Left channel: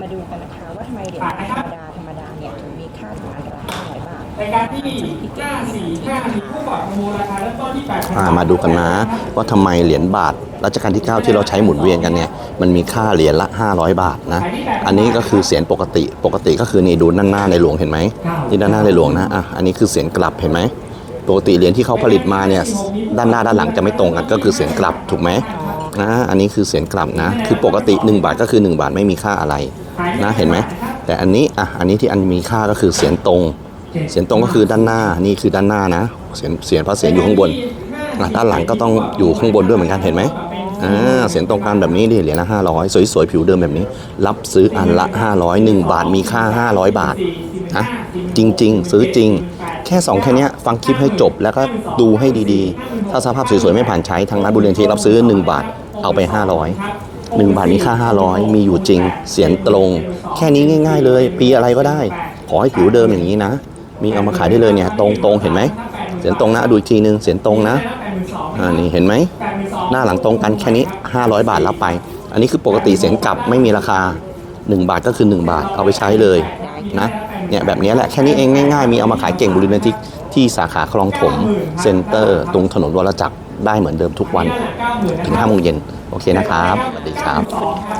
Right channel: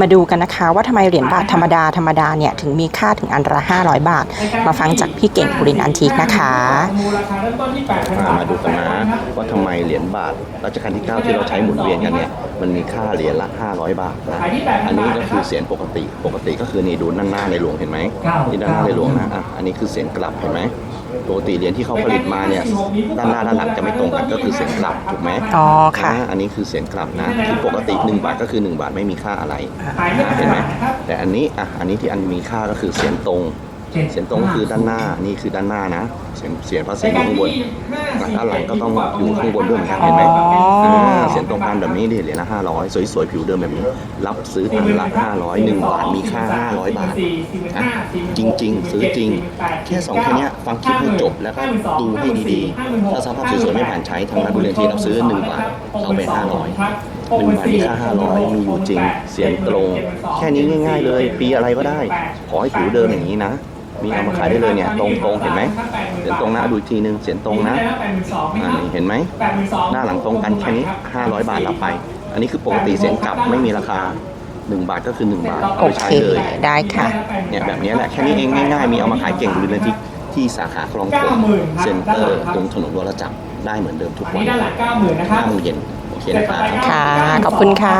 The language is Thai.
มาดูกันนะคะว่าทำไมเหรียญบาทธรรมดาธรรมดาเนี่ยถึงมีค่าถึงอันละ500 บาท มาฟังจากพี่เก่งปุรินอันทิกนะคะ อ่ามาดูกันนะว่าทำไมเหรียญบาทรัชกาลที่ 9 ที่เราใช้หมุนเวียนกันเนี่ยมันมีค่าเหรียญละ 500 บาทนะอันนี้ก็คือเสียญปกติปกติก็คือนี่ดูด้านหน้าในหลวงเห็นไหมนี่ด้านหน้าในหลวงนะอะอันนี้คือเสียญกลับเห็นไหม ปกติเหรียญที่เขาผลิตมาเนี่ยด้านหน้าด้านหลังจะไม่ตรงกันก็คือเสียญกลับถูกไหมอ๋อค่ะนะอันนี้คือเสียญกลับนะ คือปกติ 1 บาทก็คือ 1 บาทไม่มีค่าอะไรนะเห็นไหมแต่อันนี้อะอันนี้ที่อันมีค่าก็คือเสียญตรง เสียญตรงก็คือด้านหน้านี่คือด้านหน้านะ เสียญเสียญพระเสียญอยู่ข้างบนอะด้านหลังก็ต้องอยู่ข้างบนด้วยเหมือนกันเห็นไหมอ่าเสียญตรงกันแบบนี้ดิเหรียญละห้าร้อยสวยๆผิวเดิมแบบนี้ รับซื้ออันละ500 1บาทมีค่า500บาทนะจริง ๆ ซื้อจริง แค่สองแค่เนี้ยฟังคลิปให้จบแล้วก็ดูให้ดีๆ ถ้าสภาพสวยๆไม่ผ่านใช้ทางร้านบุเรียนที่รับซื้อ1บาทเอาไป500 1บาทมีค่า500มีอยู่จริง เสียงตรง แค่นี้ง่าย ๆ เลย ปีอะไรก็ได้ ขอให้ผิวเดิมอย่างนี้นะ มีเอามาขายได้เลยเนี่ยตรงตรงๆเห็นไหมเสียงตรงนะดูอีกทีนึงเสียงตรงนะอันนี้เห็นไหมหน้าหลังตรงกันแค่นี้ 500 บาทรับไป อันนี้คือปกติเสียงกลับไม่มีราคา 1 บาทก็คือ 1 บาทเอาไปใช้เลยได้ค่ะนะเนี่ยแบบนี้แหละแค่นี้เองง่ายๆ มีเอามาขายเก่งบริเวณที่ที่สาขาคลองถมเซ็นเตอร์ ตรงถนนวรจักรได้เหมือนเดิมทุกวันถึง5โมงเย็นโอเคนะครับ ค่ะ ขอบคุณค่ะ